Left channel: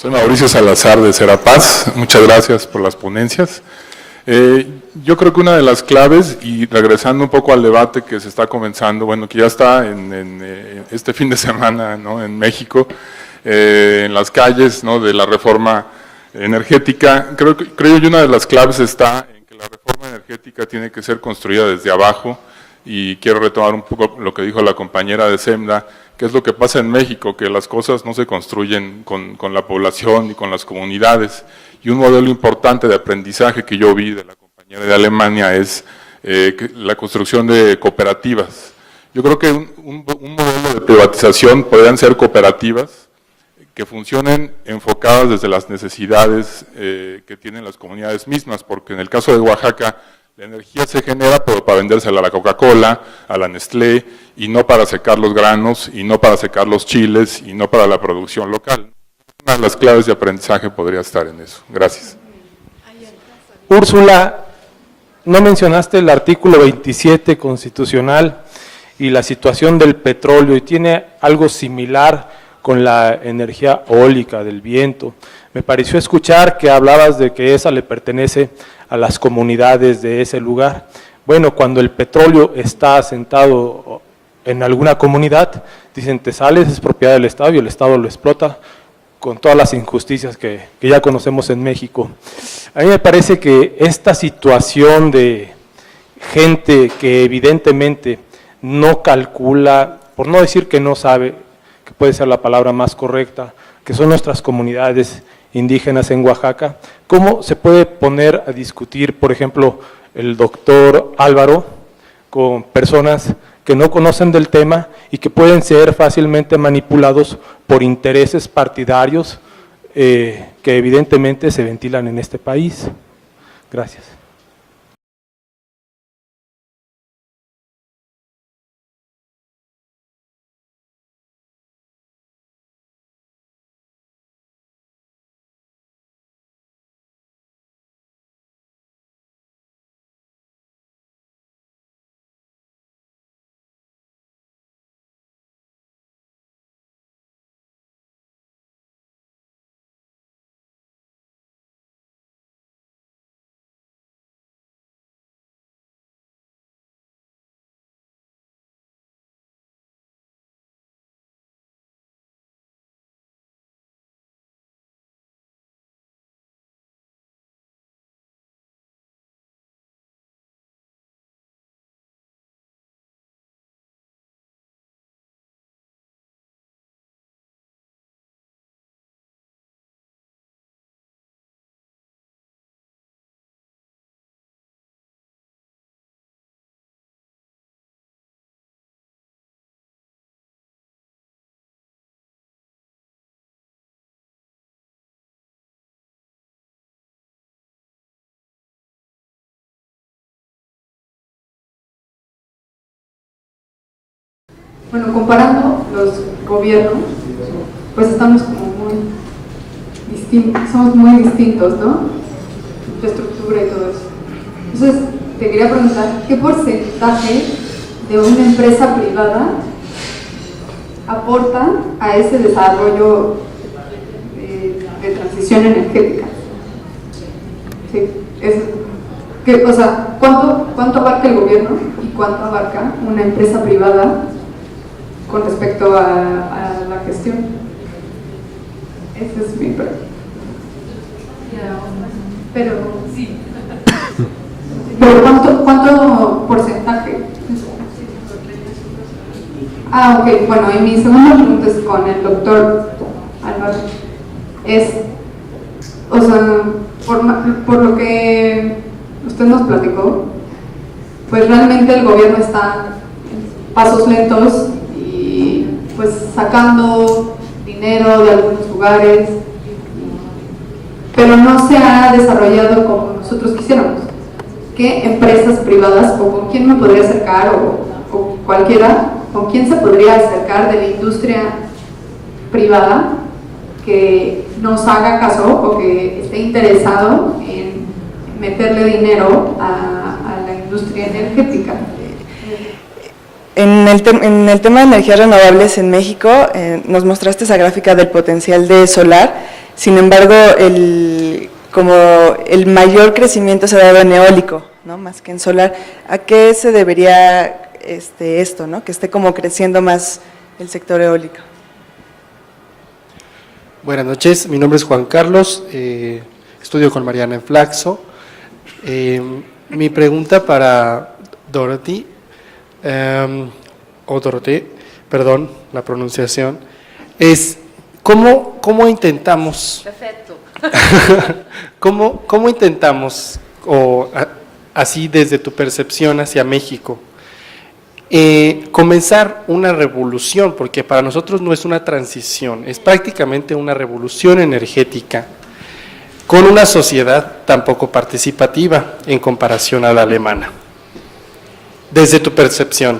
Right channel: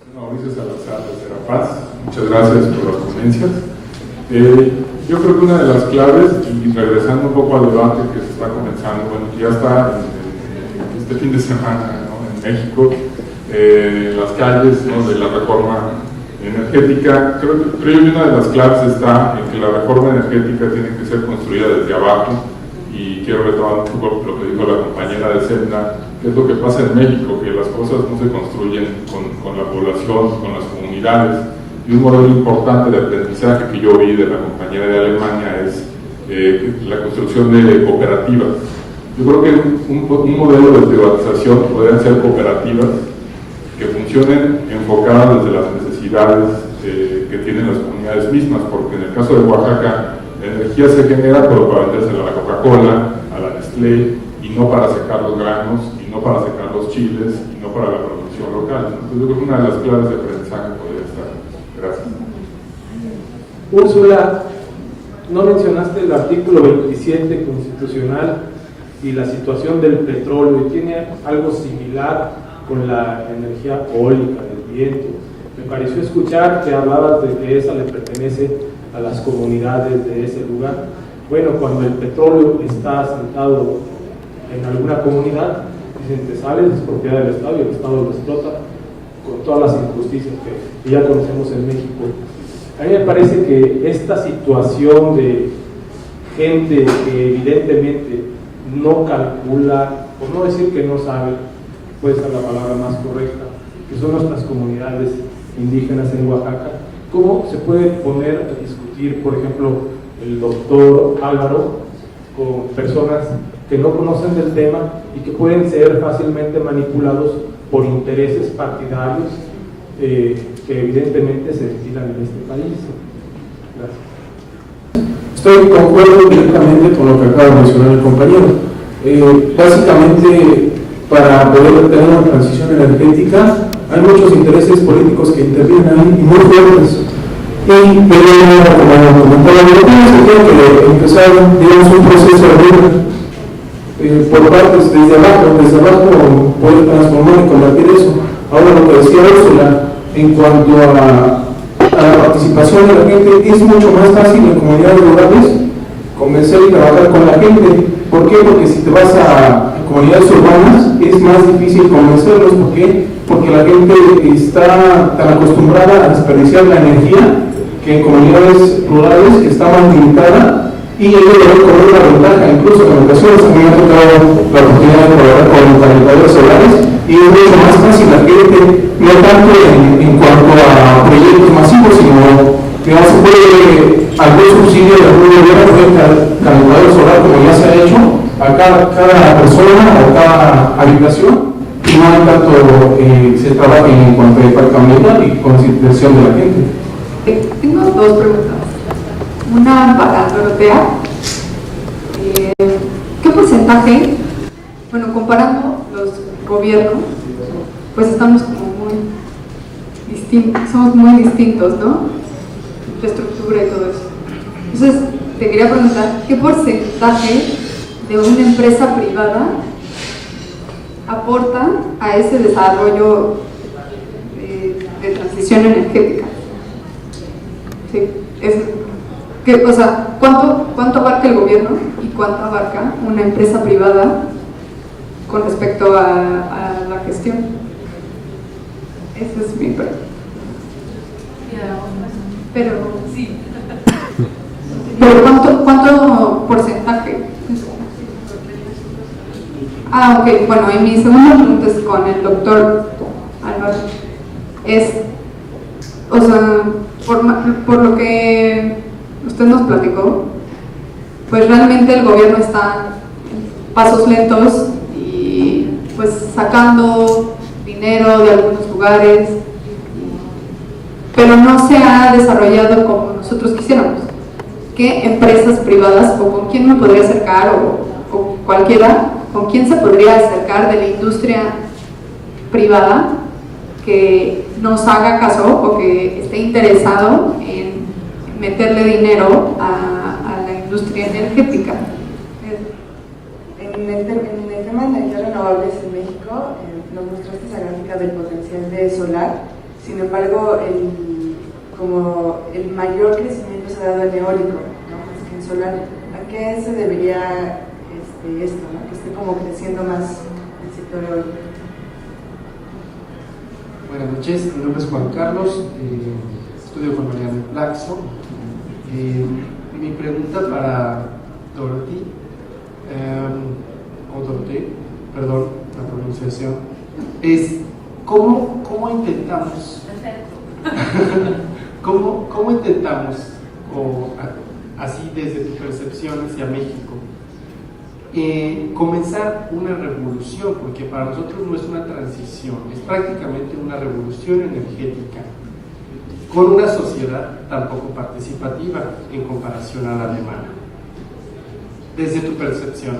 Soy Mauricio Salazar de Serapaz, muchas gracias por las ponencias. Yo creo que una de las claves, y regresando un poco al debate que se está comenzando, bueno, que ya está en este fin de semana, ¿no?, en México, en las calles, ¿no?, de la reforma energética, creo yo una de las claves está en que la reforma energética tiene que ser construida desde abajo, y quiero retomar un poco lo que dijo la compañera de Senda, que es lo que pasa en México, que las cosas no se construyen con la población y con las comunidades. Y un modelo importante de aprendizaje que yo vi de la compañera de Alemania es la construcción de cooperativas. Yo creo que un modelo de privatización podrían ser cooperativas que funcionen enfocadas desde las necesidades que tienen las comunidades mismas, porque en el caso de Oaxaca, la energía se genera pero para vendérsela a la Coca-Cola, a la Nestlé, y no para secar los granos, y no para secar los chiles, y no para la producción local. Una de las claves de aprendizaje podría estar en eso. Gracias. Úrsula, no mencionaste el artículo 27 constitucional y la situación del petróleo, y tiene algo similar con la energía eólica, del viento. Me pareció escuchar que hablabas de que esa le pertenece a las comunidades de ese lugar. Bueno, cuando el petróleo está asentado en alguna comunidad, dicen te sales, es propiedad del Estado y el Estado lo explota con todas las injusticias que ya conocemos en México. A mí me parece que esta situación de gente que evidentemente no calcula, por no decir que no sabe, que puede ser la palabra más correcta, que son nuestras comunidades indígenas en Oaxaca, ¿cómo se puede poner a discutir, por ejemplo, el doctor Álvaro con personas que no conocen del tema y que pueden ser fácilmente manipulados por intereses partidarios que evidentemente se ventilan en este país? Gracias. Estoy de acuerdo directamente con lo que acaba de mencionar el compañero. Básicamente, para poder tener una transición energética, hay muchos intereses políticos que intervienen ahí y muy fuertes. Y como comentaba, yo pienso que empezar, digamos, un proceso de por partes, desde abajo poder transformar y convertir eso. Ahora, lo que decía Úrsula, en cuanto a la participación de la gente, es mucho más fácil en comunidades rurales convencer y trabajar con la gente. ¿Por qué? Porque si te vas a comunidades urbanas es más difícil convencerlos. ¿Por qué? Porque la gente está tan acostumbrada a desperdiciar la energía que en comunidades rurales está más limitada, y ellos lo ven como una ventaja. Incluso en ocasiones a mí me ha tocado la oportunidad de colaborar con calentadores solares y es mucho más fácil la gente, no tanto en cuanto a proyectos masivos, sino digamos, se puede algún subsidio de algún gobierno puede calentador solar, como ya se ha hecho a cada persona o cada habitación, y no hay tanto se trabaja en cuanto a impacto ambiental y concientización de la gente. Tengo dos preguntas. Una para Dorotea. ¿Qué porcentaje, bueno, comparando los gobiernos, pues estamos como muy distintos, somos muy distintos, ¿no? Infraestructura y todo eso. Entonces, te quería preguntar, ¿qué porcentaje de una empresa privada aporta a ese desarrollo de transición energética? Sí, o sea, ¿cuánto abarca el gobierno y cuánto abarca una empresa privada con respecto a la gestión? Esa es mi pregunta. Pero sí. ¿Pero cuánto porcentaje? Ok, bueno, y mi segunda pregunta es con el doctor Álvaro. O sea, por lo que usted nos platicó, pues realmente el gobierno está en pasos lentos y pues sacando dinero de algunos lugares, pero no se ha desarrollado como nosotros quisiéramos. ¿Qué empresas privadas o con quién me podría acercar o cualquiera, con quién se podría acercar de la industria privada que nos haga caso o que esté interesado en meterle dinero a la industria energética? En el tema de energías renovables en México, nos mostraste esa gráfica del potencial de solar. Sin embargo, como el mayor crecimiento se ha dado en eólico, ¿no? Más que en solar. ¿A qué se debería esto, ¿no? Que esté como creciendo más el sector eólico? Buenas noches, mi nombre es Juan Carlos, estudio con Mariana en Flaxo. Mi pregunta para Dorothy, perdón la pronunciación, es ¿cómo intentamos? Perfecto. ¿Cómo intentamos, así desde tu percepción hacia México, comenzar una revolución? Porque para nosotros no es una transición, es prácticamente una revolución energética, con una sociedad tan poco participativa en comparación a la alemana. Desde tu percepción,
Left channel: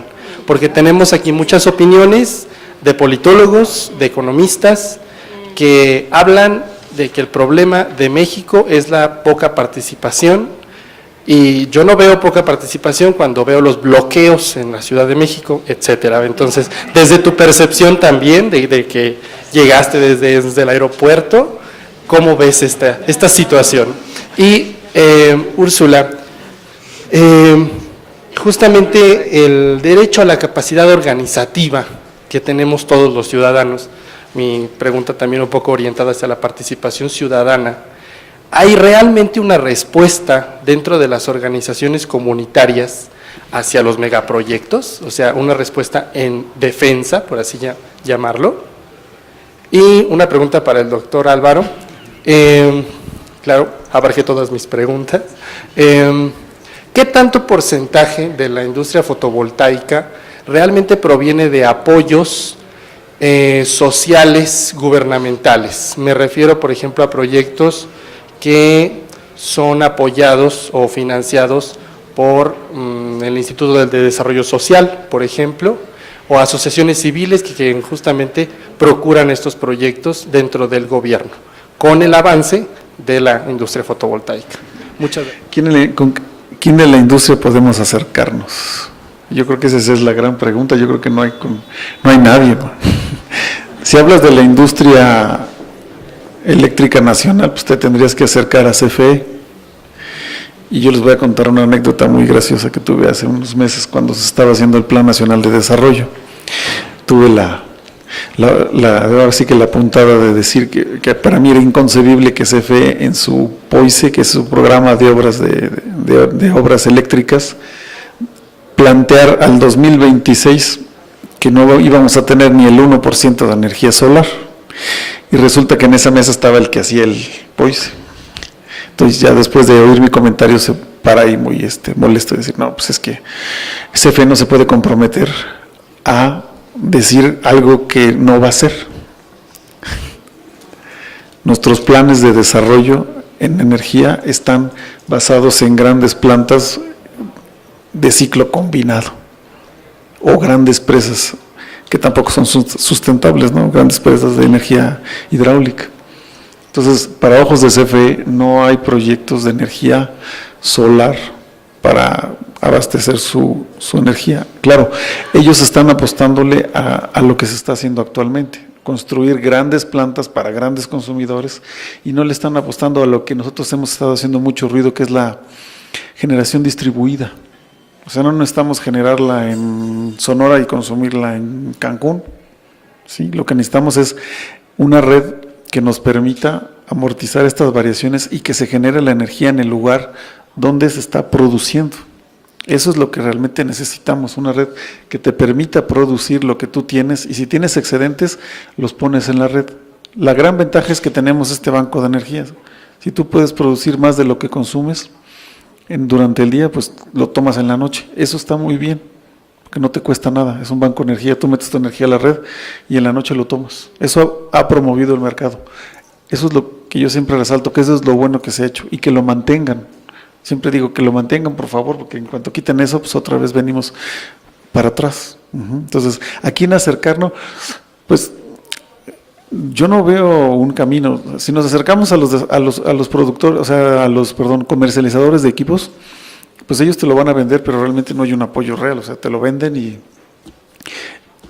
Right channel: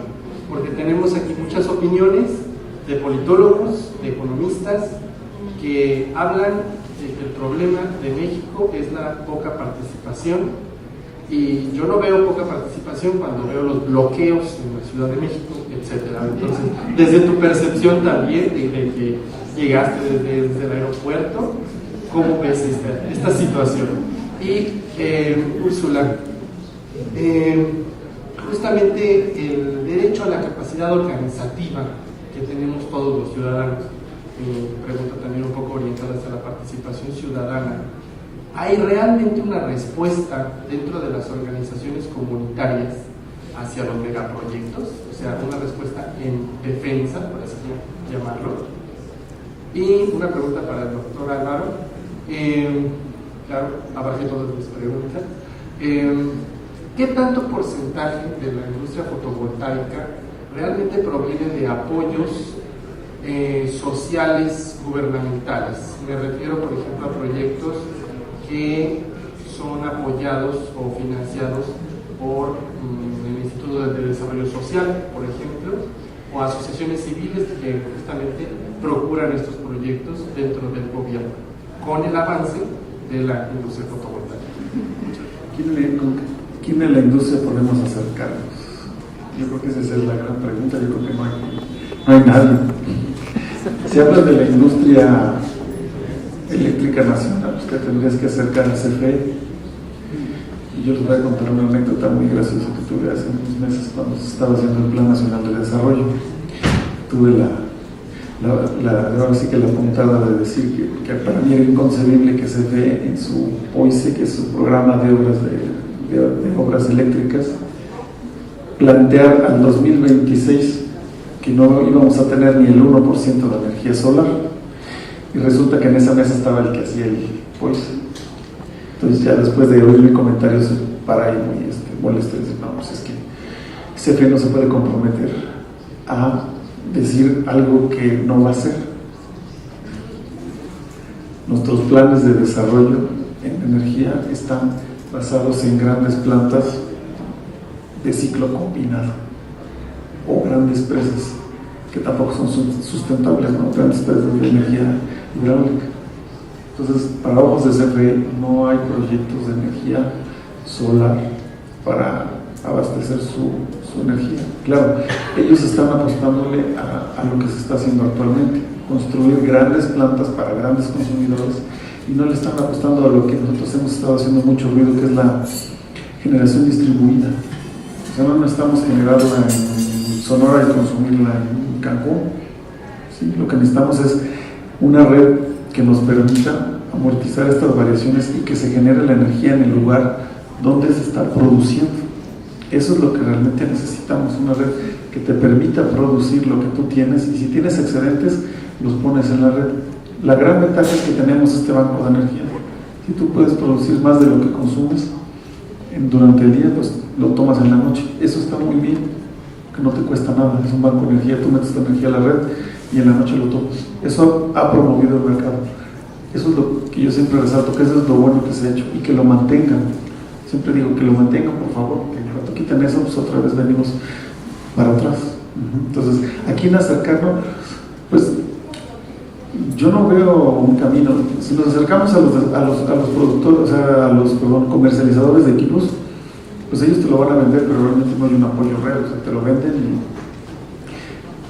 porque tenemos aquí muchas opiniones de politólogos, de economistas, que hablan de que el problema de México es la poca participación, y yo no veo poca participación cuando veo los bloqueos en la Ciudad de México, etcétera. Entonces, desde tu percepción también, de que llegaste desde el aeropuerto, ¿cómo ves esta situación? Y Úrsula, justamente el derecho a la capacidad organizativa que tenemos todos los ciudadanos, mi pregunta también un poco orientada hacia la participación ciudadana, ¿hay realmente una respuesta dentro de las organizaciones comunitarias hacia los megaproyectos? O sea, una respuesta en defensa, por así llamarlo. Y una pregunta para el doctor Álvaro. Claro, abarqué todas mis preguntas. ¿Qué tanto porcentaje de la industria fotovoltaica realmente proviene de apoyos sociales gubernamentales? Me refiero, por ejemplo, a proyectos que son apoyados o financiados por el Instituto de Desarrollo Social, por ejemplo, o asociaciones civiles que justamente procuran estos proyectos dentro del gobierno, con el avance de la industria fotovoltaica. Muchas gracias. ¿Con quién de la industria podemos acercarnos? Yo creo que esa es la gran pregunta. Yo creo que no hay nadie, ¿no? Si hablas de la industria eléctrica nacional, pues te tendrías que acercar a CFE. Y yo les voy a contar una anécdota muy graciosa que tuve hace unos meses cuando se estaba haciendo el Plan Nacional de Desarrollo. Tuve ahora sí que la puntada de decir que para mí era inconcebible que CFE en su POICE, que es su programa de obras de obras eléctricas, plantear al 2026 que no íbamos a tener ni el 1% de energía solar, y resulta que en esa mesa estaba el que hacía el POICE. Entonces ya después de oír mi comentario se para ahí muy molesto de decir, no, pues es que CFE no se puede comprometer a decir algo que no va a hacer. Nuestros planes de desarrollo en energía están basados en grandes plantas de ciclo combinado o grandes presas que tampoco son sustentables, ¿no? Grandes presas de energía hidráulica. Entonces, para ojos de CFE no hay proyectos de energía solar para abastecer su energía. Claro, ellos están apostándole a lo que se está haciendo actualmente, construir grandes plantas para grandes consumidores, y no le están apostando a lo que nosotros hemos estado haciendo mucho ruido, que es la generación distribuida. O sea, no necesitamos generarla en Sonora y consumirla en Cancún, ¿sí? Lo que necesitamos es una red que nos permita amortizar estas variaciones y que se genere la energía en el lugar donde se está produciendo. Eso es lo que realmente necesitamos, una red que te permita producir lo que tú tienes, y si tienes excedentes, los pones en la red. La gran ventaja es que tenemos este banco de energía. Si tú puedes producir más de lo que consumes durante el día, pues lo tomas en la noche. Eso está muy bien, que no te cuesta nada, es un banco de energía, tú metes tu energía a la red y en la noche lo tomas. Eso ha promovido el mercado. Eso es lo que yo siempre resalto, que eso es lo bueno que se ha hecho, y que lo mantengan. Siempre digo que lo mantengan, por favor, porque en cuanto quiten eso, pues otra vez venimos para atrás. Entonces, aquí en acercarnos, pues yo no veo un camino. Si nos acercamos a los productores, o sea, comercializadores de equipos, pues ellos te lo van a vender, pero realmente no hay un apoyo real. O sea, te lo venden y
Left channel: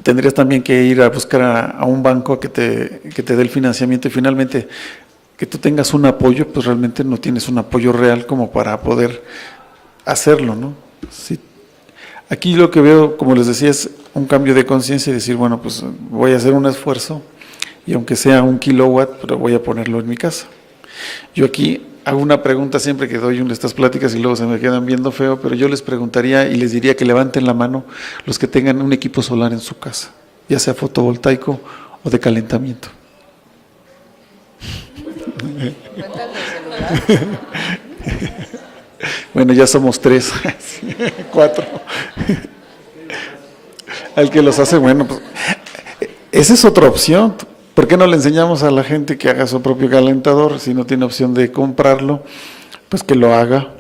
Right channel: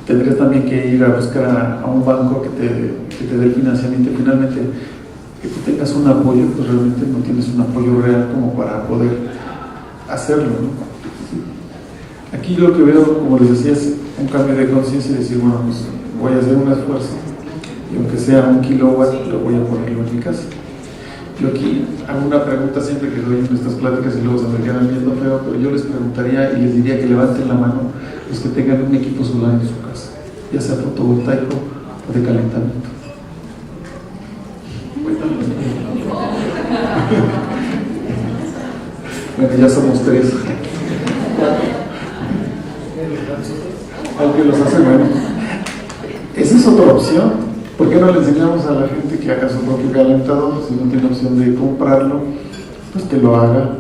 tendrías también que ir a buscar a un banco que te dé el financiamiento, y finalmente que tú tengas un apoyo, pues realmente no tienes un apoyo real como para poder hacerlo, ¿no? Sí. Aquí lo que veo, como les decía, es un cambio de conciencia y decir, bueno, pues voy a hacer un esfuerzo y aunque sea 1 kilowatt, pero voy a ponerlo en mi casa. Yo aquí hago una pregunta siempre que doy en estas pláticas y luego se me quedan viendo feo, pero yo les preguntaría y les diría que levanten la mano los que tengan un equipo solar en su casa, ya sea fotovoltaico o de calentamiento. Bueno, ya somos 3, 4. Al que los hace, bueno, pues, esa es otra opción. ¿Por qué no le enseñamos a la gente que haga su propio calentador? Si no tiene opción de comprarlo, pues que lo haga.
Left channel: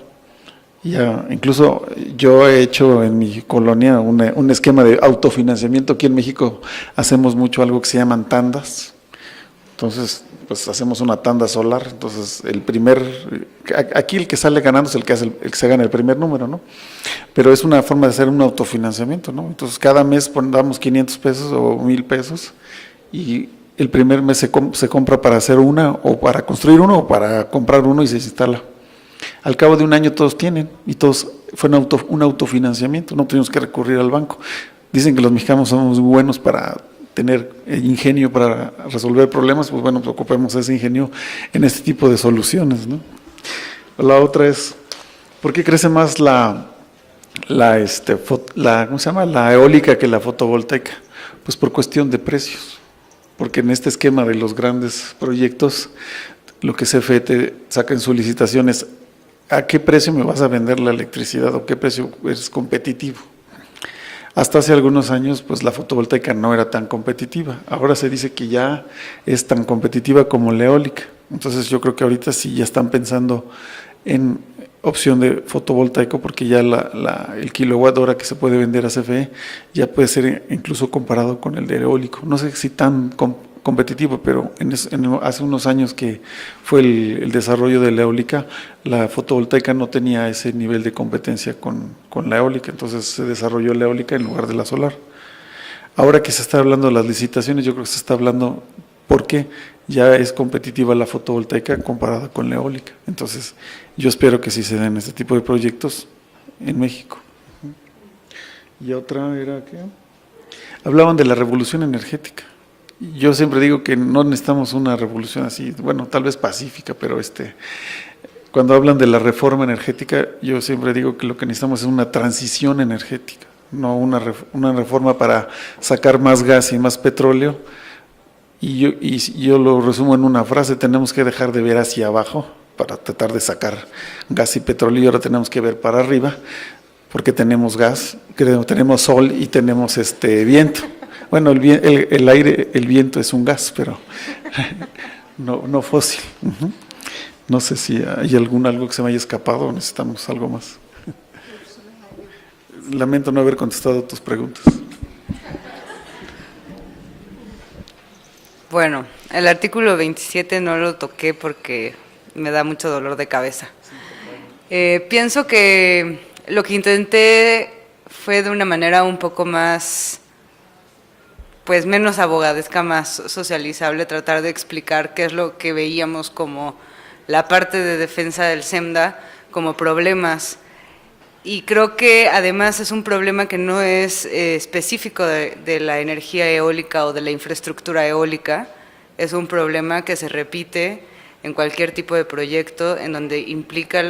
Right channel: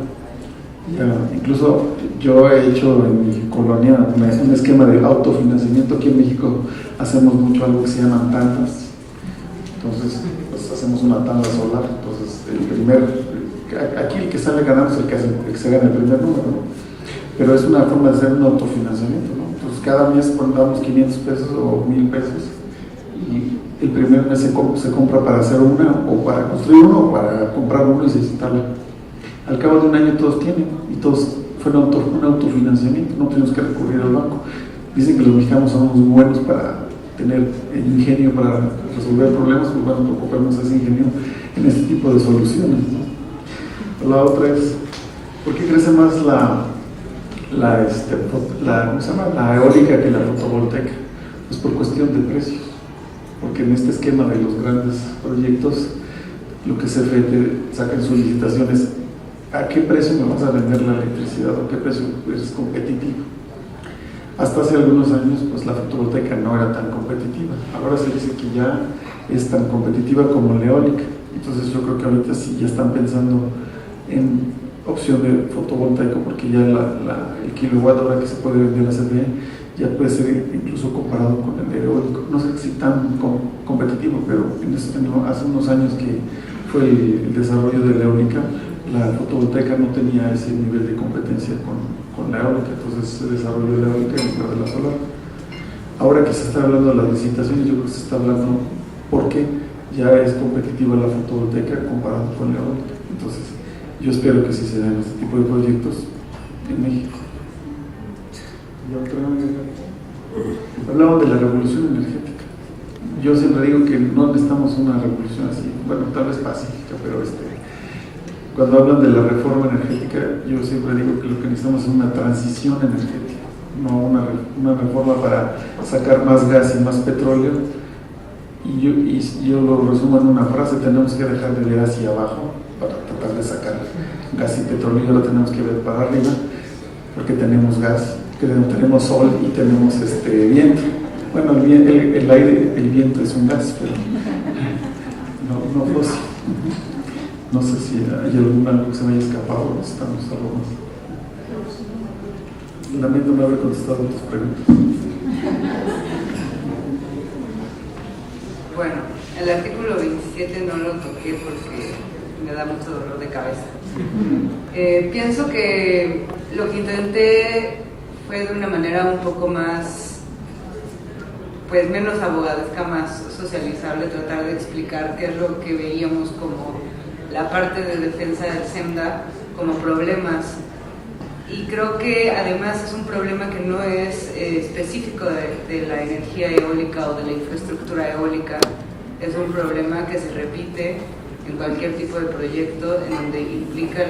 Ya, incluso yo he hecho en mi colonia un esquema de autofinanciamiento. Aquí en México hacemos mucho algo que se llaman tandas. Entonces, pues hacemos una tanda solar. Entonces, aquí el que sale ganando es el que se gana el primer número, ¿no? Pero es una forma de hacer un autofinanciamiento, ¿no? Entonces, cada mes damos 500 pesos o 1,000 pesos y el primer mes se compra para hacer una, o para construir uno, o para comprar uno y se instala. Al cabo de un año todos tienen, y todos fue un autofinanciamiento, no tuvimos que recurrir al banco. Dicen que los mexicanos somos buenos para tener ingenio para resolver problemas, pues bueno, ocupemos ese ingenio en este tipo de soluciones, ¿no? La otra es, ¿por qué crece más la eólica que la fotovoltaica? Pues por cuestión de precios, porque en este esquema de los grandes proyectos, lo que CFE te saca en sus licitaciones, ¿a qué precio me vas a vender la electricidad o qué precio es competitivo? Hasta hace algunos años, pues la fotovoltaica no era tan competitiva. Ahora se dice que ya es tan competitiva como la eólica. Entonces yo creo que ahorita sí ya están pensando en opción de fotovoltaico, porque ya el kilowatt hora que se puede vender a CFE ya puede ser incluso comparado con el de eólico. No sé si tan competitivo, pero hace unos años que fue el desarrollo de la eólica, la fotovoltaica no tenía ese nivel de competencia con la eólica, entonces se desarrolló la eólica en lugar de la solar. Ahora que se está hablando de las licitaciones, yo creo que se está hablando porque ya es competitiva la fotovoltaica comparada con la eólica. Entonces, yo espero que sí se den este tipo de proyectos en México. Y otra era que hablaban de la revolución energética. Yo siempre digo que no necesitamos una revolución así, bueno, tal vez pacífica, pero cuando hablan de la reforma energética, yo siempre digo que lo que necesitamos es una transición energética, no una reforma para sacar más gas y más petróleo. Y yo lo resumo en una frase: tenemos que dejar de ver hacia abajo para tratar de sacar gas y petróleo, y ahora tenemos que ver para arriba, porque tenemos gas, tenemos sol y tenemos viento. Bueno, el aire, el viento es un gas, pero no fósil. No sé si hay algo que se me haya escapado o necesitamos algo más. Lamento no haber contestado tus preguntas. Bueno, el artículo 27 no lo toqué porque me da mucho dolor de cabeza. Pienso que lo que intenté fue de una manera un poco más, pues menos abogadesca, más socializable, tratar de explicar qué es lo que veíamos como la parte de defensa del SEMDA como problemas. Y creo que además es un problema que no es específico de la energía eólica o de la infraestructura eólica, es un problema que se repite en cualquier tipo de proyecto en donde implica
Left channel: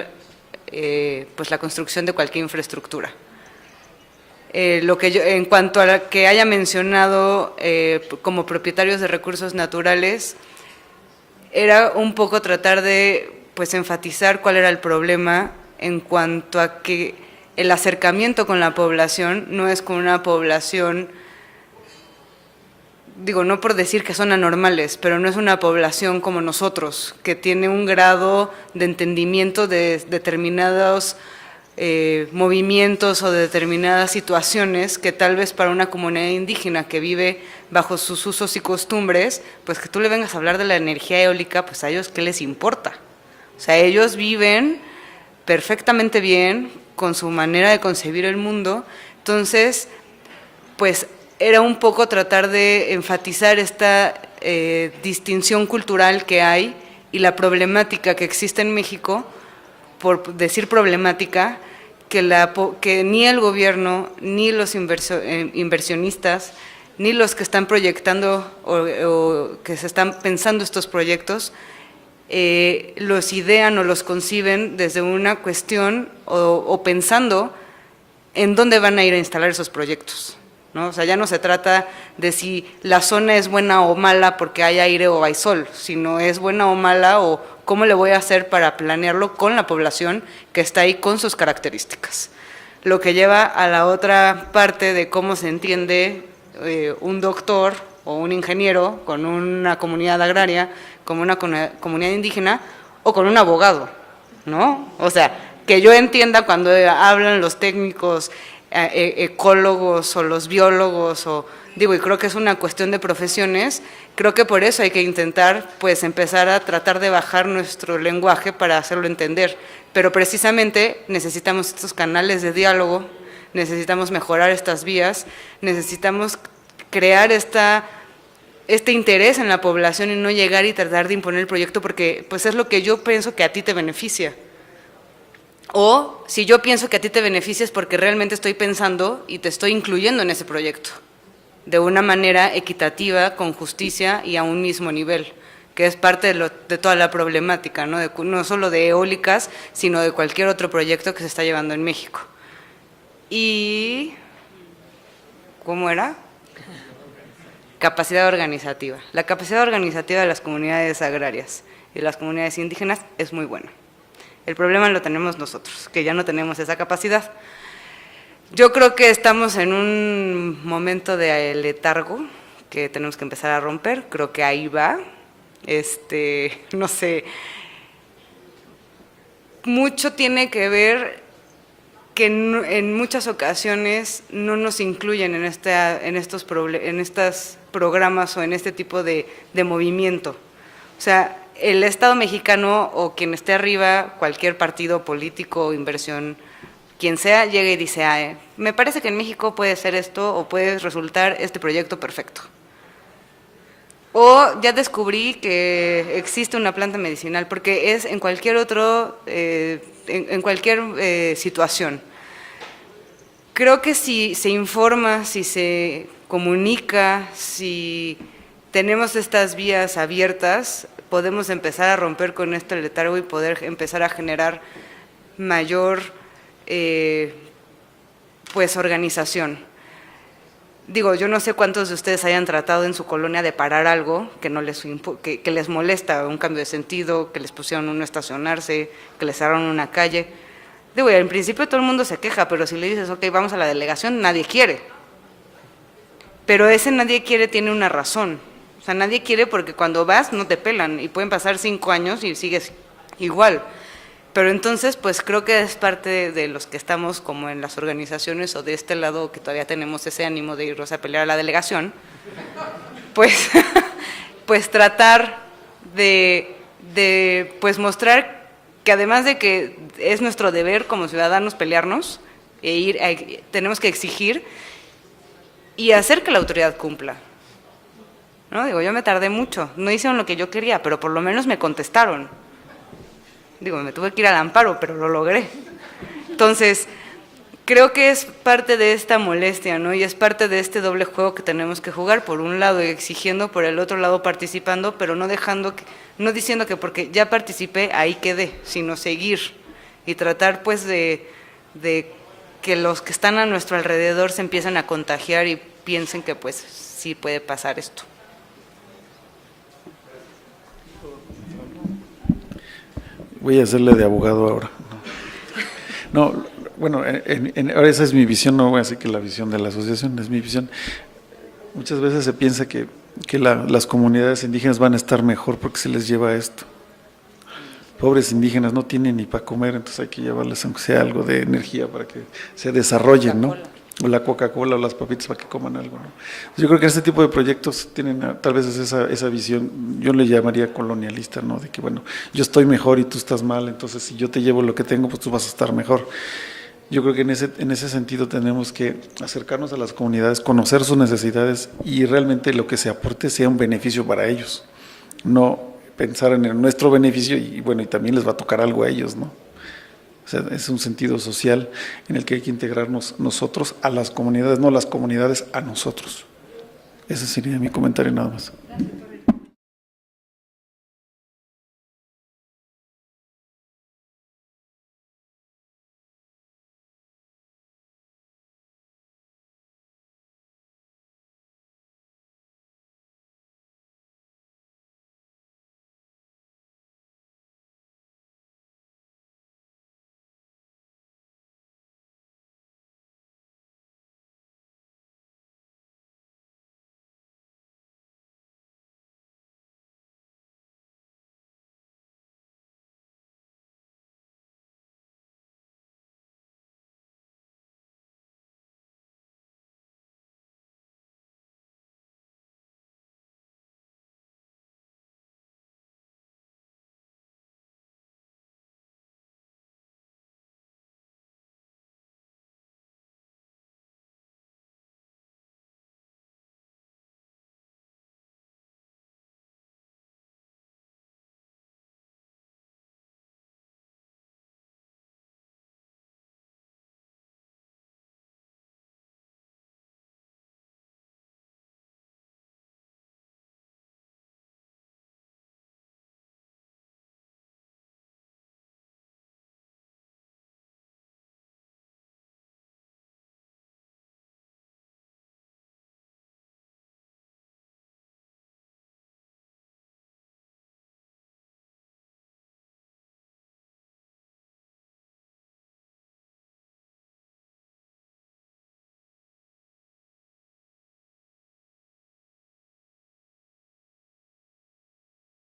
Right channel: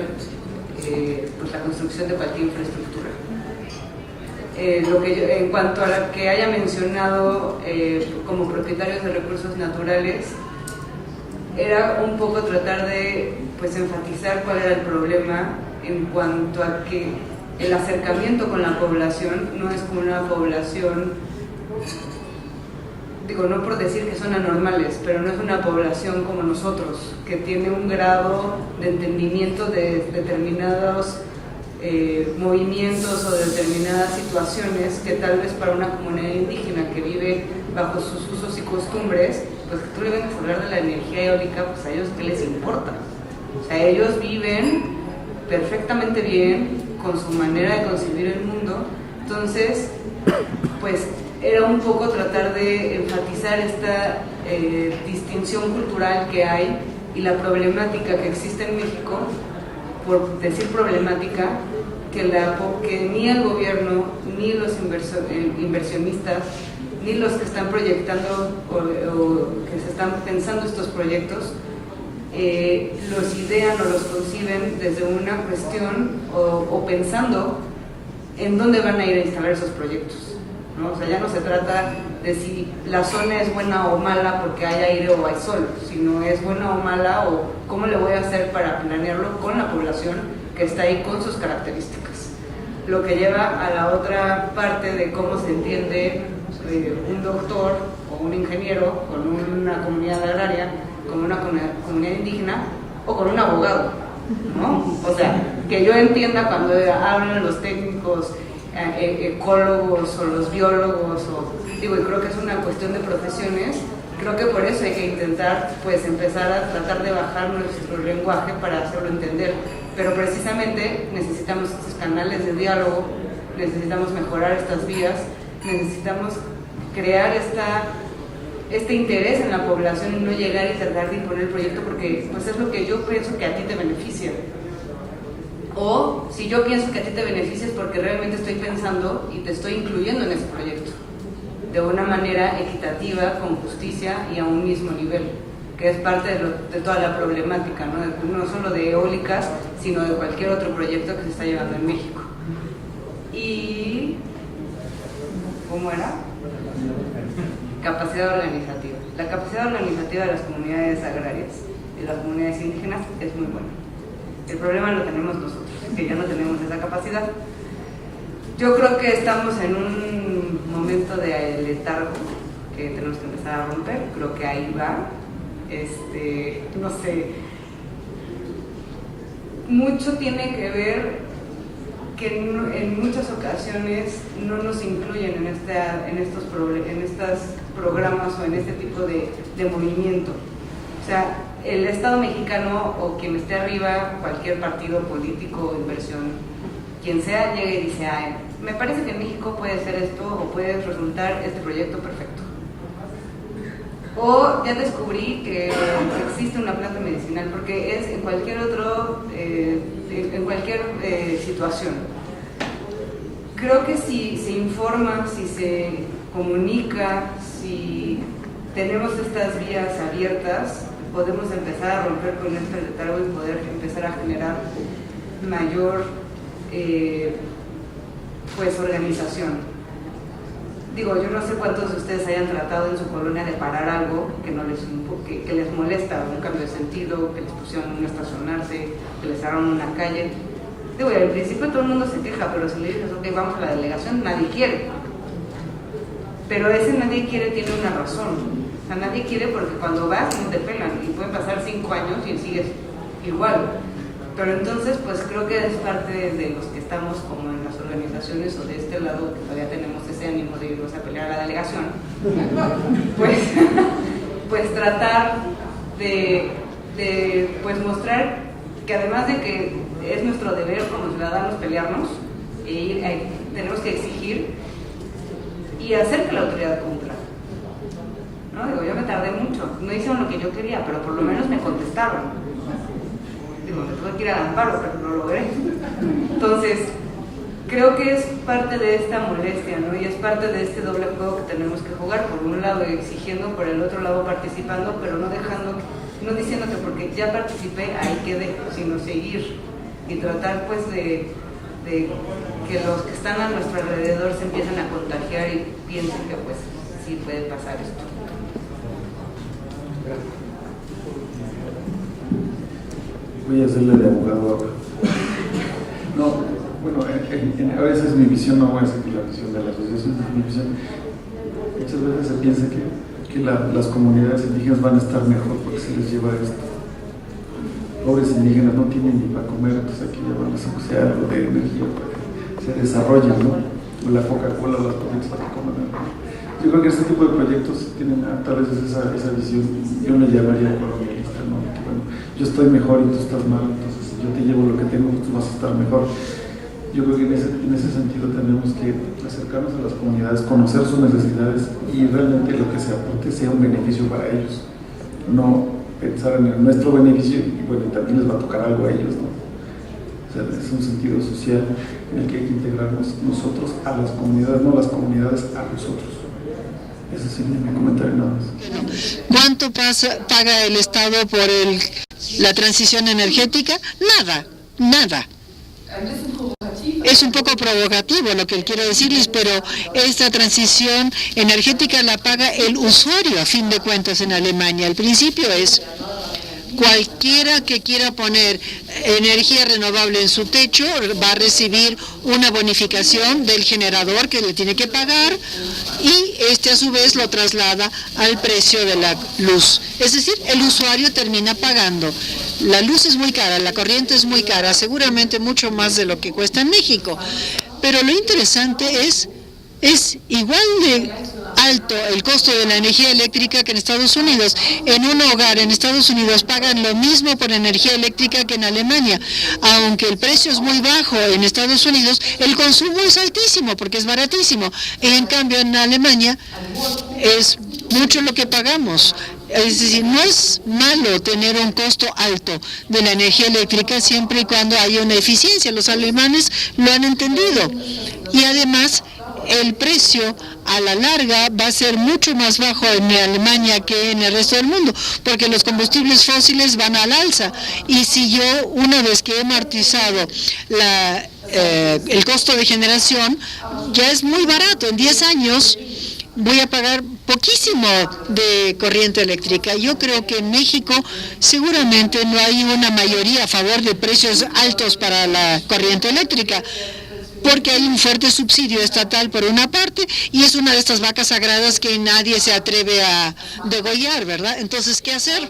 pues la construcción de cualquier infraestructura. En cuanto a lo que haya mencionado como propietarios de recursos naturales, era un poco tratar de pues enfatizar cuál era el problema en cuanto a que el acercamiento con la población no es con una población, digo, no por decir que son anormales, pero no es una población como nosotros, que tiene un grado de entendimiento de determinados movimientos o de determinadas situaciones que tal vez para una comunidad indígena que vive bajo sus usos y costumbres, pues que tú le vengas a hablar de la energía eólica, pues a ellos ¿qué les importa? O sea, ellos viven perfectamente bien con su manera de concebir el mundo. Entonces, pues era un poco tratar de enfatizar esta distinción cultural que hay y la problemática que existe en México, por decir problemática, que ni el gobierno, ni los inversionistas, ni los que están proyectando o que se están pensando estos proyectos, los idean o los conciben desde una cuestión o pensando en dónde van a ir a instalar esos proyectos, ¿no? O sea, ya no se trata de si la zona es buena o mala porque hay aire o hay sol, sino es buena o mala o cómo le voy a hacer para planearlo con la población que está ahí con sus características. Lo que lleva a la otra parte de cómo se entiende un doctor o un ingeniero con una comunidad agraria, con una comunidad indígena o con un abogado, ¿no? O sea, que yo entienda cuando hablan los técnicos, ecólogos o los biólogos, y creo que es una cuestión de profesiones. Creo que por eso hay que intentar pues empezar a tratar de bajar nuestro lenguaje para hacerlo entender, pero precisamente necesitamos estos canales de diálogo, necesitamos mejorar estas vías, necesitamos crear este interés en la población y no llegar y tratar de imponer el proyecto porque pues es lo que yo pienso que a ti te beneficia. O si yo pienso que a ti te beneficia es porque realmente estoy pensando y te estoy incluyendo en ese proyecto de una manera equitativa, con justicia y a un mismo nivel, que es parte de toda la problemática, ¿no? No solo de eólicas, sino de cualquier otro proyecto que se está llevando en México. Y ¿cómo era? Capacidad organizativa. La capacidad organizativa de las comunidades agrarias y las comunidades indígenas es muy buena. El problema lo tenemos nosotros, que ya no tenemos esa capacidad. Yo creo que estamos en un momento de letargo que tenemos que empezar a romper. Creo que ahí va. No sé. Mucho tiene que ver que en muchas ocasiones no nos incluyen en estos programas o en este tipo de movimiento. O sea, el Estado mexicano o quien esté arriba, cualquier partido político, inversión, quien sea, llega y dice, me parece que en México puede ser esto o puede resultar este proyecto perfecto. O ya descubrí que existe una planta medicinal, porque es en cualquier en cualquier situación. Creo que si se informa, si se comunica, si tenemos estas vías abiertas, podemos empezar a romper con este letargo y poder empezar a generar mayor organización. Yo no sé cuántos de ustedes hayan tratado en su colonia de parar algo que les molesta, un cambio de sentido, que les pusieron un no estacionarse, que les cerraron una calle. Al principio todo el mundo se queja, pero si le dices, ok, vamos a la delegación, nadie quiere. Pero ese nadie quiere tiene una razón. O sea, nadie quiere porque cuando vas no te pelan y pueden pasar 5 años y sigues igual. Pero entonces, pues creo que es parte de los que estamos como en las organizaciones o de este lado que todavía tenemos ese ánimo de irnos a pelear a la delegación, pues tratar de mostrar que además de que es nuestro deber como ciudadanos pelearnos tenemos que exigir y hacer que la autoridad cumpla. ¿No? Yo me tardé mucho, no hicieron lo que yo quería, pero por lo menos me contestaron. Me tuve que ir al amparo, pero lo logré. Entonces, creo que es parte de esta molestia, ¿no? Y es parte de este doble juego que tenemos que jugar, por un lado exigiendo, por el otro lado participando, pero no diciendo que porque ya participé, ahí quedé, sino seguir y tratar de que los que están a nuestro alrededor se empiecen a contagiar y piensen que pues sí puede pasar esto. Voy a hacerle de abogado ahora. No, bueno, ahora esa es mi visión, no voy a decir que la visión de la asociación, es mi visión. Muchas veces se piensa que las comunidades indígenas van a estar mejor porque se les lleva esto. Pobres indígenas no tienen ni para comer, entonces hay que llevarles aunque sea algo de energía para que se desarrollen, ¿no? O la Coca-Cola o las papitas para que coman algo, ¿no? Yo creo que este tipo de proyectos tienen tal vez esa visión, yo le llamaría colonialista, ¿no? De que bueno, yo estoy mejor y tú estás mal, entonces si yo te llevo lo que tengo, pues tú vas a estar mejor. Yo creo que en ese sentido tenemos que acercarnos a las comunidades, conocer sus necesidades y realmente lo que se aporte sea un beneficio para ellos, no pensar en nuestro beneficio y bueno, y también les va a tocar algo a ellos, ¿no? O sea, es un sentido social en el que hay que integrarnos nosotros a las comunidades, no las comunidades a nosotros. Ese sería mi comentario nada más. ¿Cuánto paga el Estado por la transición energética? Nada. Es un poco provocativo lo que quiero decirles, pero esta transición energética la paga el usuario a fin de cuentas en Alemania. El principio es: cualquiera que quiera poner energía renovable en su techo va a recibir una bonificación del generador que le tiene que pagar y este a su vez lo traslada al precio de la luz. Es decir, el usuario termina pagando. La luz es muy cara, la corriente es muy cara, seguramente mucho más de lo que cuesta en México. Pero lo interesante es igual de alto el costo de la energía eléctrica que en Estados Unidos. En un hogar en Estados Unidos pagan lo mismo por energía eléctrica que en Alemania. Aunque el precio es muy bajo en Estados Unidos, el consumo es altísimo porque es baratísimo. En cambio, en Alemania es mucho lo que pagamos. Es decir, no es malo tener un costo alto de la energía eléctrica siempre y cuando haya una eficiencia. Los alemanes lo han entendido. Y además, el precio a la larga va a ser mucho más bajo en Alemania que en el resto del mundo, porque los combustibles fósiles van al alza. Y si yo, una vez que he amortizado el costo de generación, ya es muy barato. En 10 años voy a pagar poquísimo de corriente eléctrica. Yo creo que en México seguramente no hay una mayoría a favor de precios altos para la corriente eléctrica, porque hay un fuerte subsidio estatal por una parte y es una de estas vacas sagradas que nadie se atreve a degollar, ¿verdad? Entonces, ¿qué hacer?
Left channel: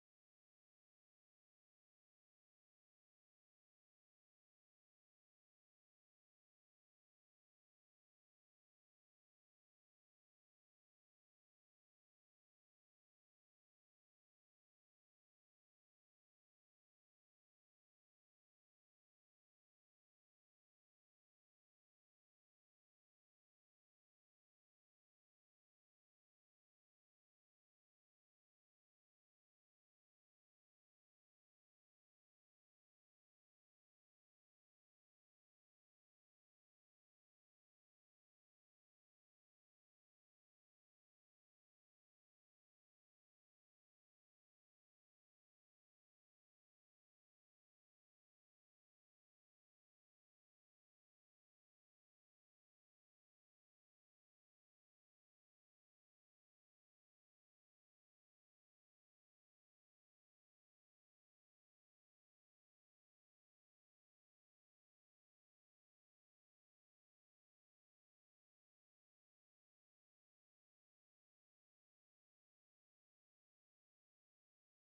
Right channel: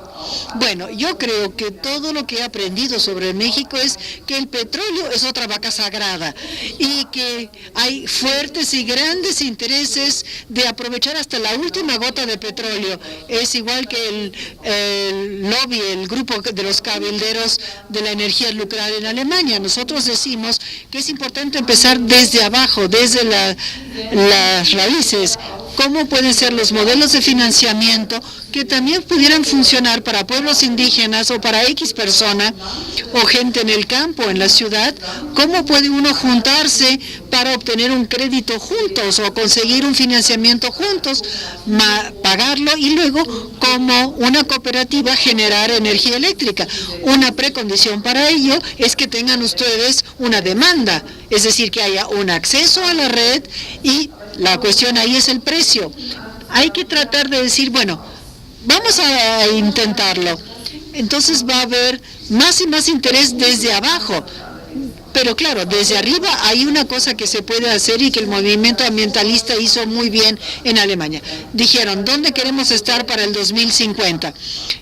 Bueno, yo creo que todo lo que he aprendido sobre México es que el petróleo es otra vaca sagrada y que hay fuertes y grandes intereses de aprovechar hasta la última gota de petróleo. Es igual que el lobby, el grupo de los cabilderos de la energía nuclear en Alemania. Nosotros decimos que es importante empezar desde abajo, desde las raíces. ¿Cómo pueden ser los modelos de financiamiento que también pudieran funcionar para pueblos indígenas o para X persona o gente en el campo, en la ciudad? ¿Cómo puede uno juntarse para obtener un crédito juntos o conseguir un financiamiento juntos, pagarlo y luego como una cooperativa generar energía eléctrica? Una precondición para ello es que tengan ustedes una demanda, es decir, que haya un acceso a la red y la cuestión ahí es el precio. Hay que tratar de decir, bueno, vamos a intentarlo. Entonces va a haber más y más interés desde abajo. Pero claro, desde arriba hay una cosa que se puede hacer y que el movimiento ambientalista hizo muy bien en Alemania. Dijeron, ¿dónde queremos estar para el 2050?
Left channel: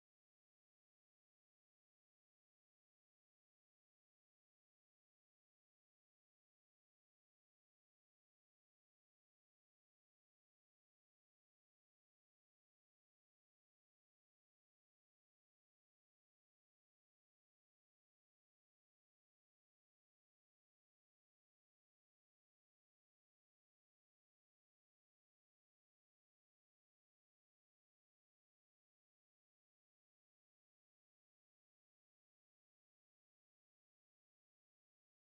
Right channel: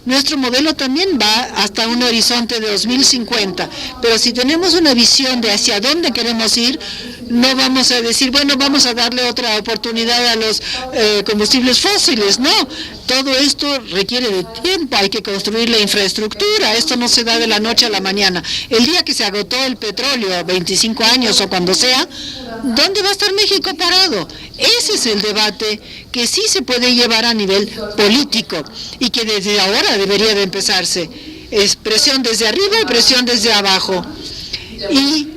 Nuestro modelo también va hasta un horizonte de 2050, pero si tenemos una visión de hacia dónde queremos ir, no vamos a decir, bueno, vamos a darle otra oportunidad a los combustibles fósiles. No, todo esto requiere de tiempo, hay que construir la infraestructura, esto no se da de la noche a la mañana. El día que se agotó el petróleo, 25 años o cuando sea, ¿dónde va a estar México parado? Ese es el debate que sí se puede llevar a nivel político y que desde ahora debería de empezarse. Es presión desde arriba y presión desde abajo. Y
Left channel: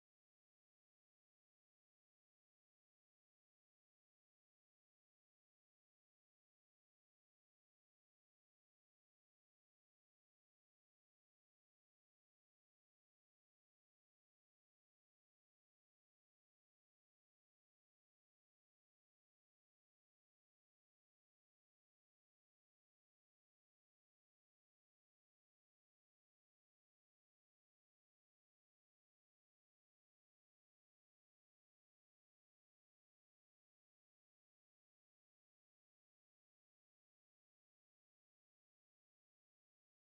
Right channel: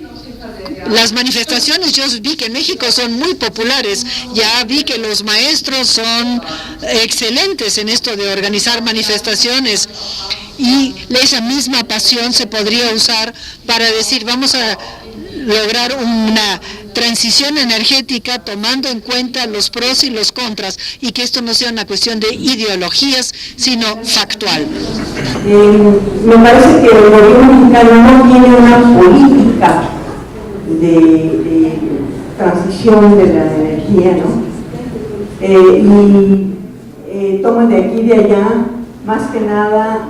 las manifestaciones, yo vi que en México son muy populares, ya vi que los maestros son excelentes en esto de organizar manifestaciones y esa misma pasión se podría usar para decir vamos a lograr una transición energética tomando en cuenta los pros y los contras y que esto no sea una cuestión de ideologías sino factual. Me parece que el gobierno mexicano no tiene una política de transición de la energía, ¿no? Toman de aquí y de allá, más que nada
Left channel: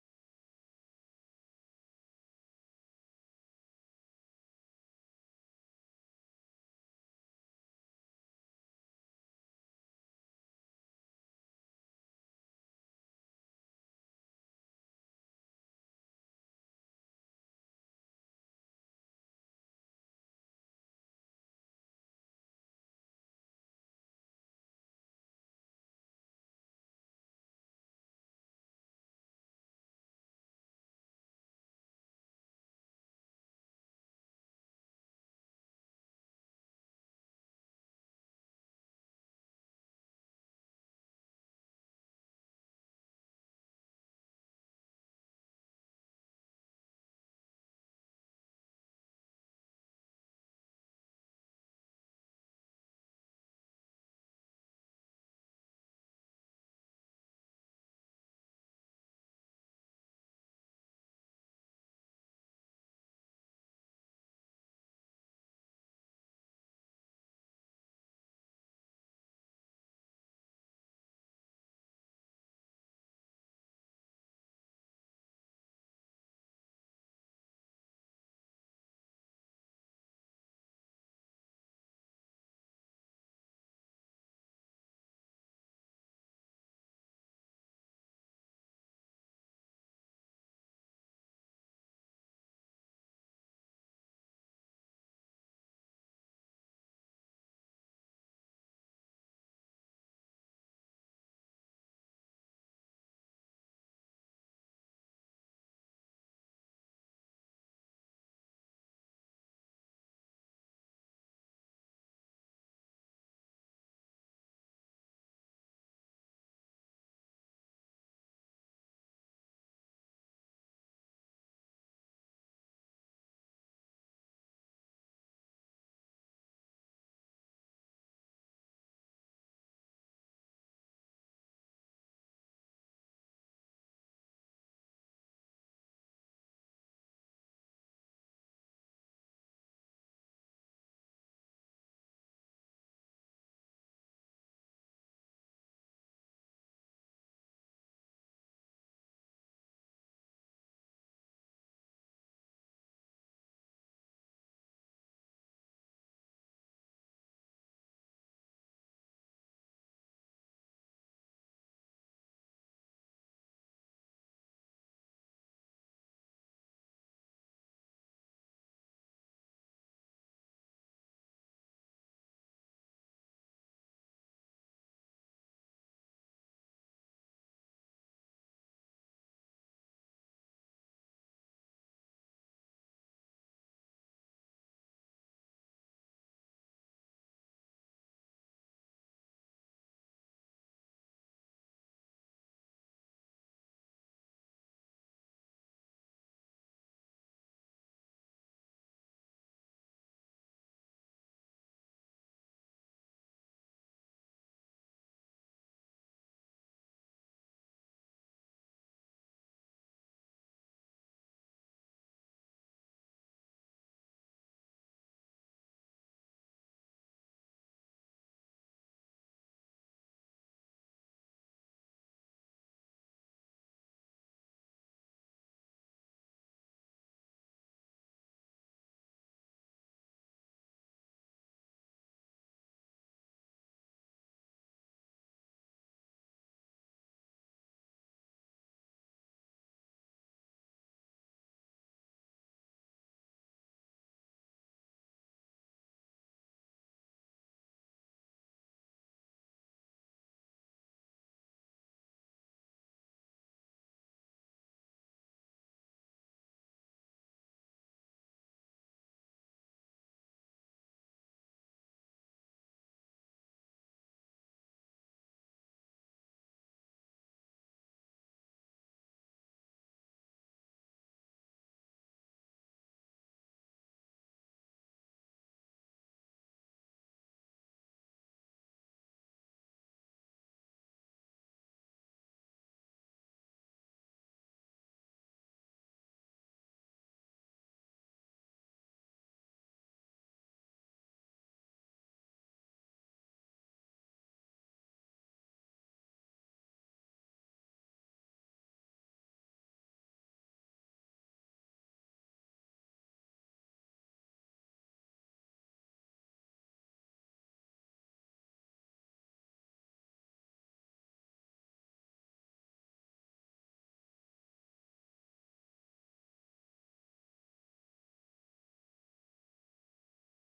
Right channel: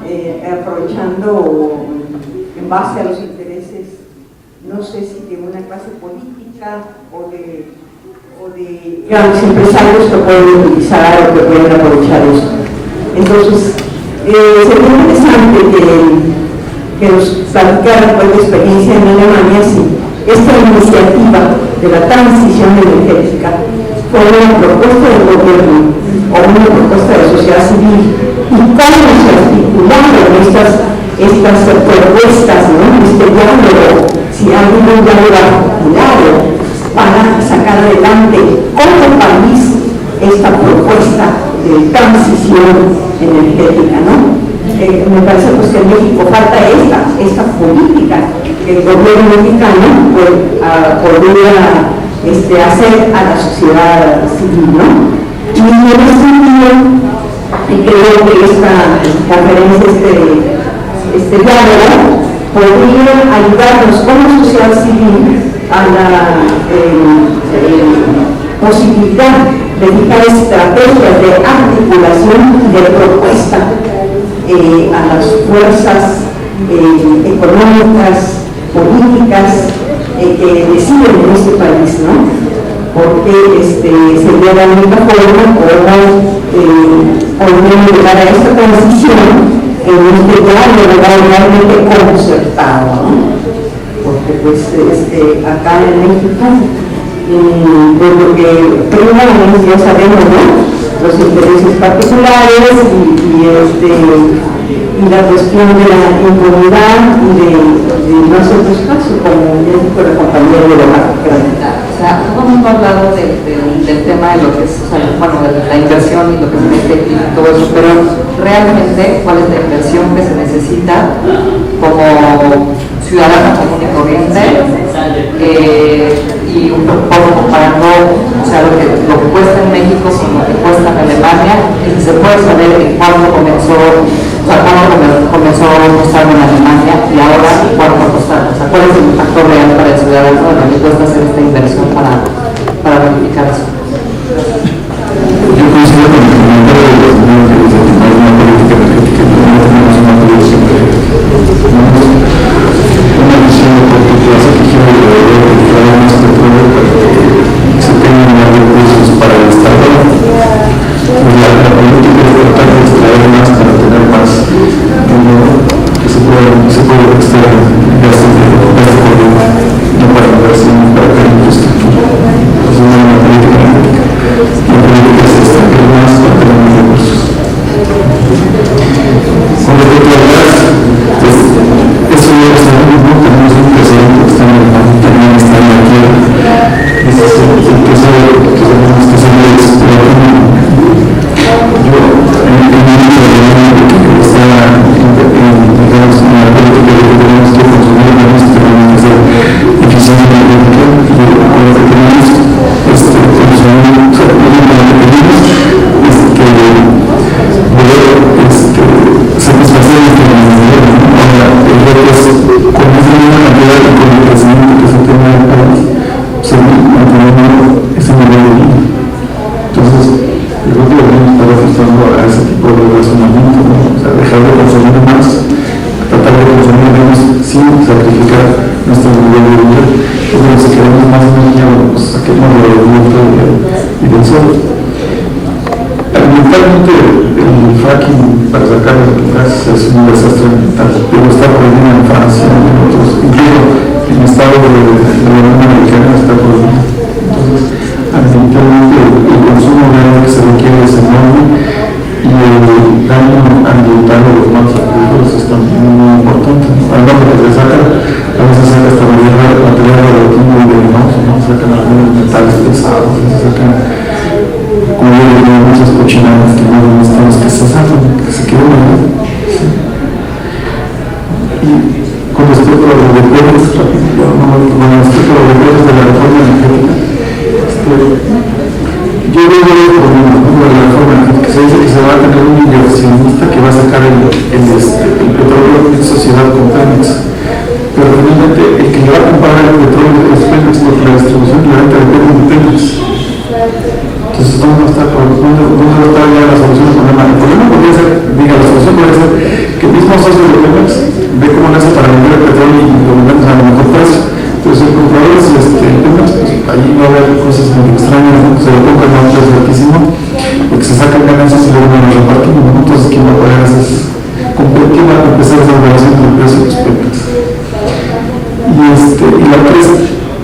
aprovechando en base a los intereses, no sé si de una clase política o de grandes empresarios que pueden utilizar o que pueden aprovechar esto. Entonces, sería interesante que nos platicaran pues, de experiencia en Alemania, si esta iniciativa de la transición energética fue una propuesta del gobierno o una propuesta de sociedad civil y cómo se articularon estas propuestas, ¿no? Este diálogo, si hay un diálogo articulado para sacar adelante como país esta propuesta de transición energética, ¿no? Me parece pues, que en México falta esta política que el gobierno mexicano podría hacer a la sociedad civil, ¿no? Y en ese sentido, creo que esta conferencia, este diálogo, podría ayudarnos como sociedad civil a la posibilidad de fijar estrategias de articulación y de propuesta a las fuerzas económicas, políticas que deciden en este país, ¿no? Porque sería la única forma como llegar a esta transición en este diálogo realmente concertado, ¿no? Porque pues acá en México, de lo que primero ya sabemos, ¿no? Los intereses particulares y la cuestión de la impunidad y de no hacer caso, como dijo la compañera de la O sea, todo el mundo ha hablado del tema de lo que es, o sea, bueno, de la inversión y lo que es energético y todo eso, pero realmente, ¿cuál es la inversión que se necesita como ciudadano común y corriente? Y un poco comparando, o sea, lo que cuesta en México con lo que cuesta en Alemania, y se puede saber en cuándo comenzó a costar en Alemania y ahora cuánto va a costar, o sea, cuál es el impacto real para el ciudadano de lo que cuesta hacer esta inversión para verificar eso. Yo considero que el comentario de los niños que dicen que no hay una política energética, no tenemos una política una visión de corto plazo que quiere traer más petróleo para que se tengan más recursos para el Estado. La política es tratar de extraer más para tener más dinero que se puede extraer gastos de corriente, no para inversión, para crear infraestructura. Entonces no hay una política energética. La política es extraer más para tener más recursos. Con respecto al gas, pues eso ya lo sabemos, ¿no? Tenemos un presidente que está en el también está en la quiebra. Ese es el que sabemos que se debe explorar. Yo, en el momento que está digamos, en la política de que tenemos que consumir menos, tenemos que ser eficientes energética y con lo que tenemos consumir, o sea, lo que pedimos es que poder satisfacer este necesidad. Ahora, el reto es con esa misma cantidad y con el crecimiento que se tiene en el país, seguir manteniendo ese nivel de vida. Entonces, yo creo que debemos estar ajustando a ese tipo de razonamiento, ¿no? O sea, dejar de consumir más, tratar de consumir menos sin sacrificar nuestro nivel de vida. Porque si queremos más energía, pues saquemos del viento y del sol. Ambientalmente, el fracking para sacar el gas es un desastre ambiental, pero está prohibido en Francia y en otros, incluso en el estado de la Unión Americana está prohibido. Entonces, ambientalmente el consumo de agua que se requiere es enorme y el daño ambiental de los malos recursos es también muy importante. Además de que se sacan, a veces se saca hasta material radioactivo y venenoso, ¿no? Se sacan algunos metales pesados, se sacan como muchas cochinadas que no necesitamos que se sacan, que se queden ahí. ¿Sí? Y con respecto a los deberes, con respecto a los deberes de la reforma energética, yo veo el problema, ¿no? De la reforma energética, se dice que se va a tener un inversionista que va a sacar el petróleo en sociedad con Pemex, pero realmente el que le va a comprar el petróleo es Pemex, porque la distribución y la venta depende de Pemex. Entonces, ¿dónde va a estar ya la solución al problema? El problema podría ser, la solución podría ser que el mismo socio de Pemex ve cómo le hace para vender el petróleo y lo vendemos a lo mejor precio. Entonces, el comprador es Pemex, pues allí va a haber cosas muy extrañas, ¿no? Se lo compran a un precio altísimo, porque se sacan ganancias y luego no lo repartimos, ¿no? Entonces, ¿quién va a pagar esas? ¿Quién va a empezar esa relación entre el precio y los Pemex? Y la otra es,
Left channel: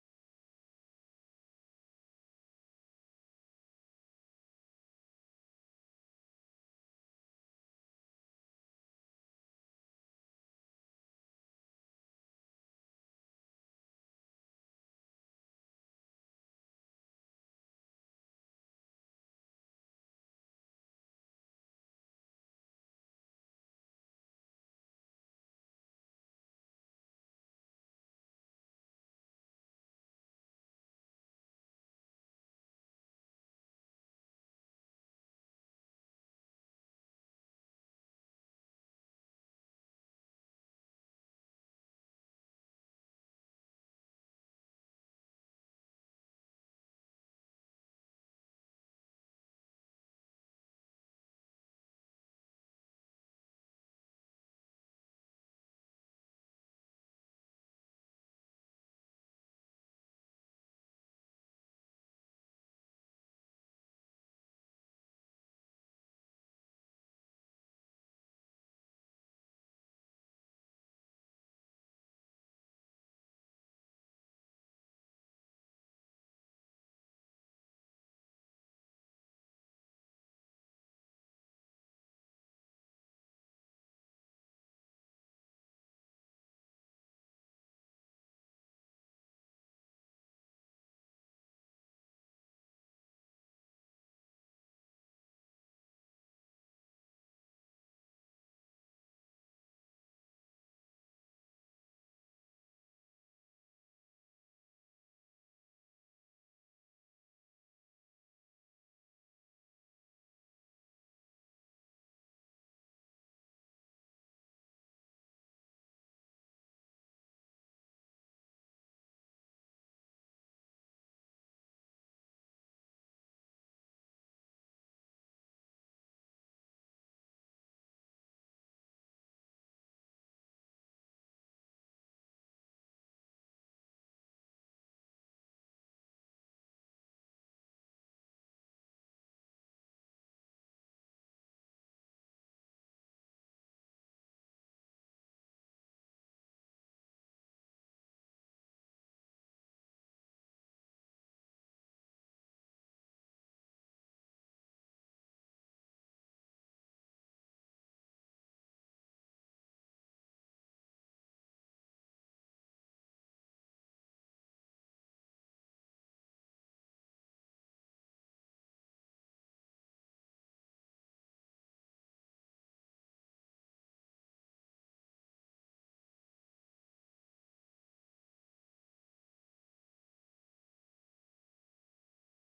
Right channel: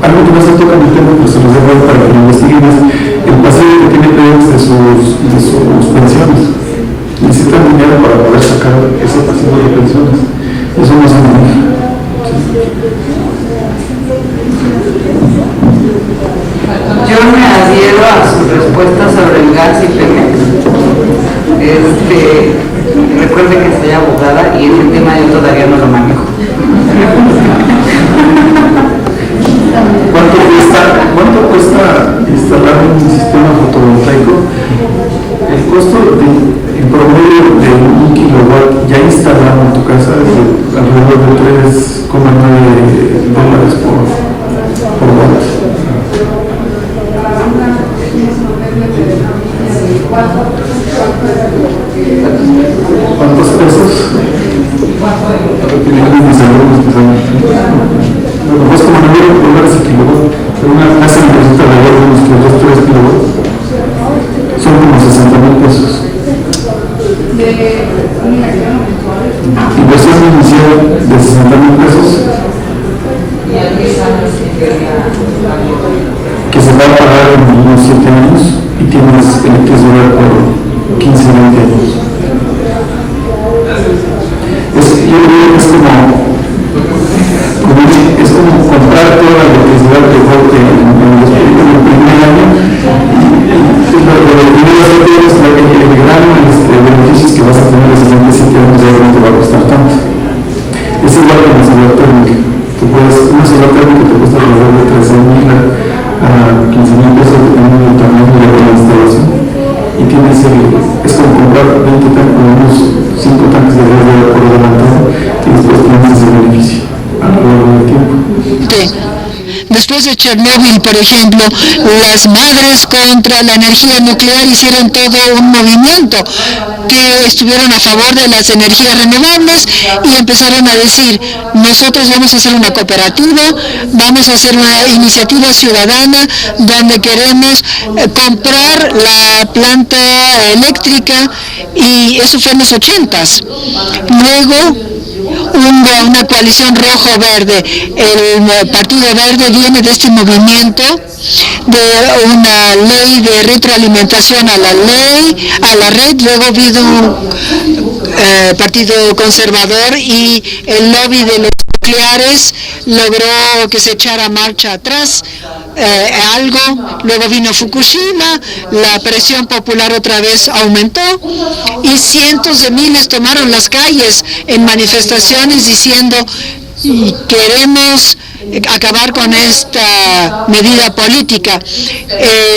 algo que no se toca en el tema, pero se los dejo para que lo investiguen, es el pasivo que tiene Pemex de sus pensiones. necesitan dinero para poder sacar ese pasivo de pensiones. Eso no se maneja. Yo me adhiero a su respuesta sobre el gas y Pemex. Recuerde que soy abogada y ese tema yo todavía no lo manejo. ¿Cuánto cuesta instalar un sistema fotovoltaico? El costo en promedio de 1 kilowatt ya instalado en tu casa es de alrededor de $3,9 por watt. ¿Cuántos pesos? Pues como $9 el kilowatt, pero una casa necesita alrededor de unos 2-3 kilowatts, son como $60,000 pesos. Inversión inicial de $60,000 pesos, que se va a pagar en unos 7 años y tienes electricidad por 15-20 años. Yo creo que es como comprar toda la electricidad que corte en el primer año. El gran beneficios que vas a tener en los siguientes 7 años ya no te va a costar tanto. Es igual que una solar térmica. Una solar térmica te cuesta alrededor de $13,000 a $15,000 dependiendo del tamaño de la instalación. Y tienes es como comprar 20 tanques, unos 5 tanques de gas por adelantado y después tienes ese beneficio a lo largo del tiempo. Después de Chernóbil, por ejemplo, las madres contra la energía nuclear hicieron todo un movimiento que estuvieron a favor de las energías renovables y empezaron a decir, nosotros vamos a hacer una cooperativa, vamos a hacer una iniciativa ciudadana donde queremos comprar la planta eléctrica, y eso fue en los 80s. Luego una coalición rojo-verde. El Partido Verde viene de este movimiento de una ley de retroalimentación a la red. Luego vino un Partido Conservador y el lobby de los nucleares logró que se echara marcha atrás algo. Luego vino Fukushima, la presión popular otra vez aumentó y cientos de miles tomaron las calles en manifestaciones diciendo queremos acabar con esta medida política.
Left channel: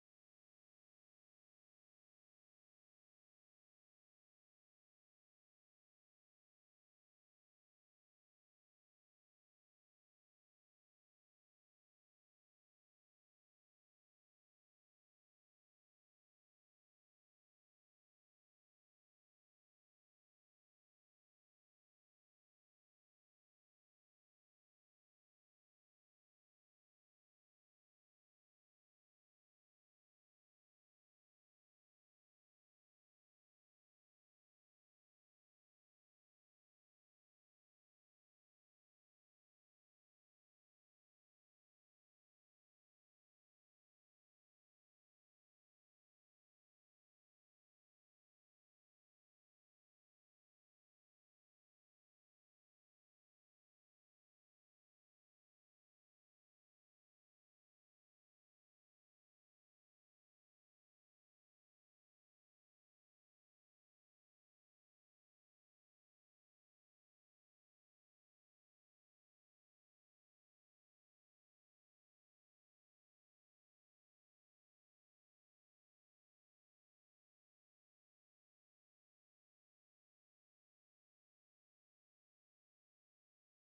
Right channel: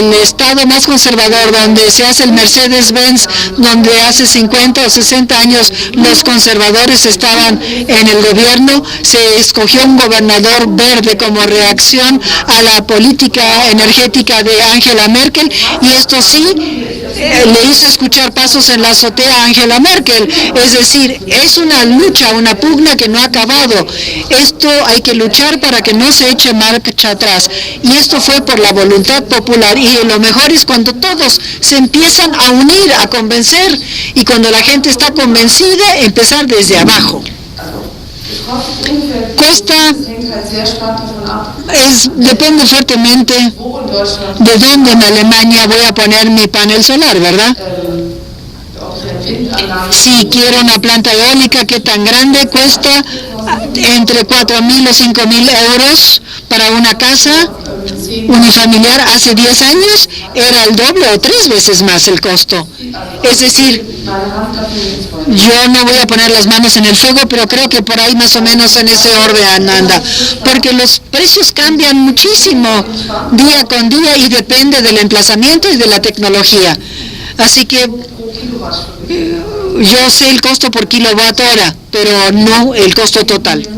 El estado más conservador, donde se hace el Mercedes-Benz, donde hace 50 o 60 años los conservadores estaban en el gobierno, se escogió un gobernador verde como reacción a la política energética de Angela Merkel, y esto sí le hizo escuchar pasos en la azotea a Angela Merkel. Es decir, es una lucha, una pugna que no ha acabado. Esto hay que luchar para que no se eche marcha atrás. Y esto fue por la voluntad popular. Y lo mejor es cuando todos se empiezan a unir, a convencer. Y cuando la gente está convencida, empezar desde abajo. Costa depende fuertemente de dónde en Alemania voy a poner mi panel solar, ¿verdad? Si quiero una planta eólica, ¿qué tan grande? Cuesta entre 4.000 o 5.000 euros para una casa unifamiliar. Hace 10 años era el doble o 3 veces más el costo. Es decir, yo no voy a poner las manos en el fuego, pero creo que por ahí más o menos en ese orden anda, porque los precios cambian muchísimo día con día y depende del emplazamiento y de la tecnología. Así que yo sé el costo por kilowatt hora, pero no el costo total.